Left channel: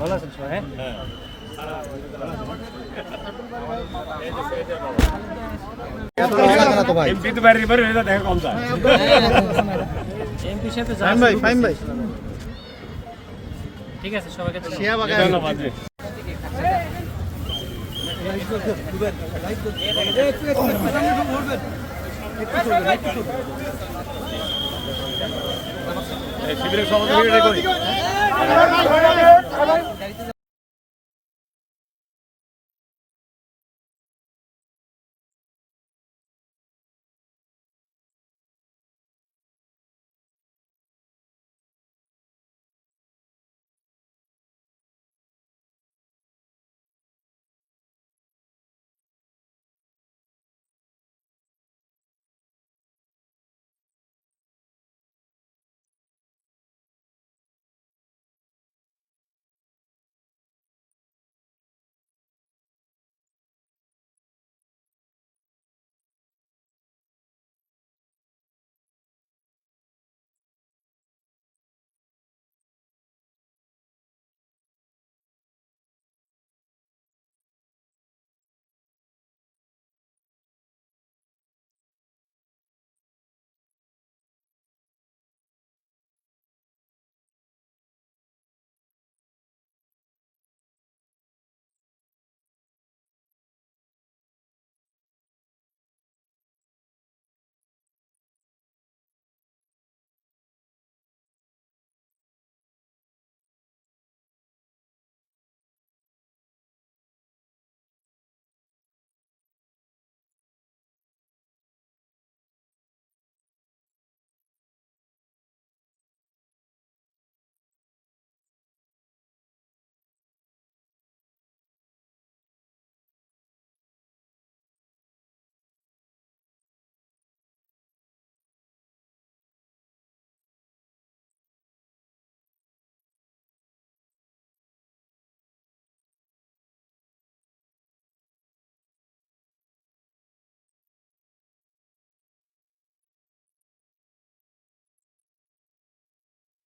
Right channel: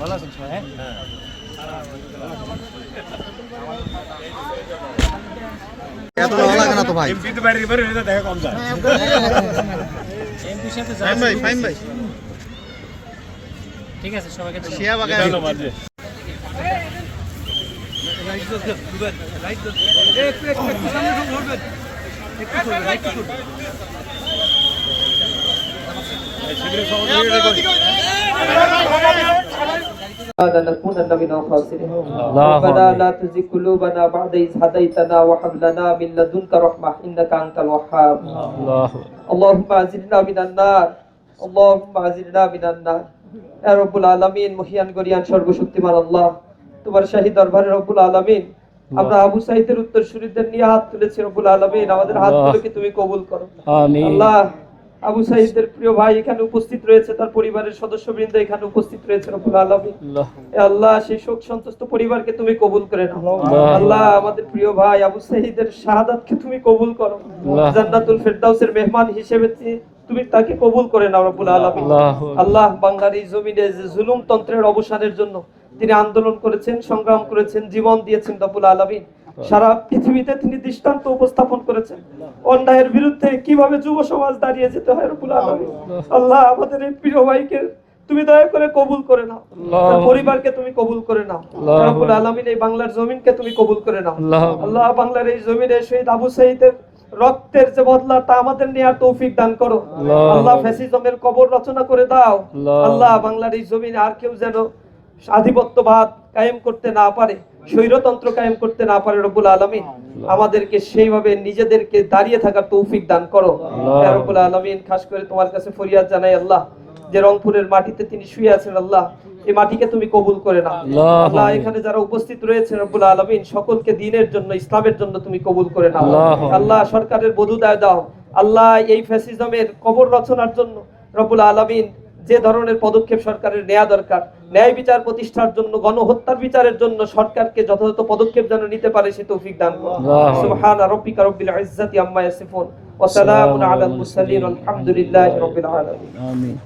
ভালো আছেন সবাই? ঠিক আছে, সবাইকে لنكونن من الخاسرين ربنا لا تزغ قلوبنا بعد إذ هديتنا وهب لنا من لدنك رحمة إنك أنت الوهاب اللهم أعذنا من النار اللهم أعذنا من النار يا رب العالمين মহিয়ান গরিয়ান সর্বশক্তিমান আল্লাহ, তোমার শাহী দরবারে রব্বুল আলামিন আমরা আবু সাঈদের উত্তরসূরিদের নিয়ে হাত তুলেছি। রব্বুল আলামিন আমাদের হাতগুলোকে তুমি কবুল করো আমিন। আল্লাহ, আবু সাঈদের প্রিয় ভাই এখানে উপস্থিত রয়েছে, তার পরিবারের সদস্যবৃন্দ এখানে উপস্থিত রয়েছে। রব্বুল আলামিন আল্লাহ, সেই শোক সন্তুষ্ট পরিবারকে তুমি কবুল করে নাও। আল্লাহ, আমাদের প্রিয় ভাই আবু সাঈদের শাহাদাতকে তুমি কবুল করো, জান্নাতুল ফেরদাউসের মেহমান হিসেবে তুমি তাকে কবুল করে নাও রব্বুল আলামিন। আল্লাহ, বাংলার এই জমিনে যে জুলুম তন্ত্রের অবসানের জন্য তিনি আন্দোলন করেছেন, সংগ্রাম করেছেন, জীবন দিয়েছেন রব্বুল আলামিন, সারা পৃথিবীতে তিনি দৃষ্টান্ত উপস্থাপন করেছেন অন্যায়ের বিরুদ্ধে কিভাবে যুব সমাজ দাঁড়িয়ে যেতে হয় রব্বুল আলামিন। আল্লাহ, আমাদের এই প্রিয় ভাইকে তুমি দয়া করে কবুল করে নাও, তার পরিবারকে তুমি কবুল করে নাও রব্বুল আলামিন। এই বাংলার জমিনকে তুমি কবুল করে নাও আল্লাহ। বাংলার এই জমিনে শহীদ আবু সাঈদের রক্তের যে বদলা তা আমাদের নেয়ার তৌফিক দান করো আল্লাহ। ফ্যাসিজমের কবর রচনা করে দাও আল্লাহ। বাংলার এই জমিনে আর কেউ যেন আধিপত্যবাদ কায়েম করতে না পারে, স্বৈরতন্ত্র কায়েম করতে না পারে রব্বুল আলামিন। আমাদেরকে সেইভাবে নিজেদেরকে দাঁড়িয়ে থাকার তৌফিক দান করো ইয়া রব্বুল আলামিন। খাস করে তোমার কাছে ফরিয়াদ জানাই আল্লাহ, যে রংপুরের মাটিতে তিনি শুয়ে আছেন আল্লাহ, এই মাটিকে তুমি কবুল করে নাও আল্লাহ। এখানে যারা উপস্থিত রয়েছে রব্বুল আলামিন, সকলকে দ্বীনের জন্য, ইসলামের জন্য তুমি কবুল করে নাও আল্লাহ। সরকারের বদুদায় দাও আল্লাহ, এই ফ্যাসিজমের কবর রচনার জন্য রব্বুল আলামিন যে ধরনের পদক্ষেপ সরকারের নেওয়া দরকার, ন্যায় বিচার প্রতিষ্ঠার জন্য, গণহত্যার বিচারের জন্য সরকারকে যথাযথ পদক্ষেপ যেন নিতে পারে সে তৌফিক দান করো। সুবহানা রাব্বিকা রাব্বিল ইজ্জাতি আম্মা ইয়াসিফুন ওয়া সালামুন আলাল মুরসালিন আলহামদুলিল্লাহি রাব্বিল আলামিন। আমিন।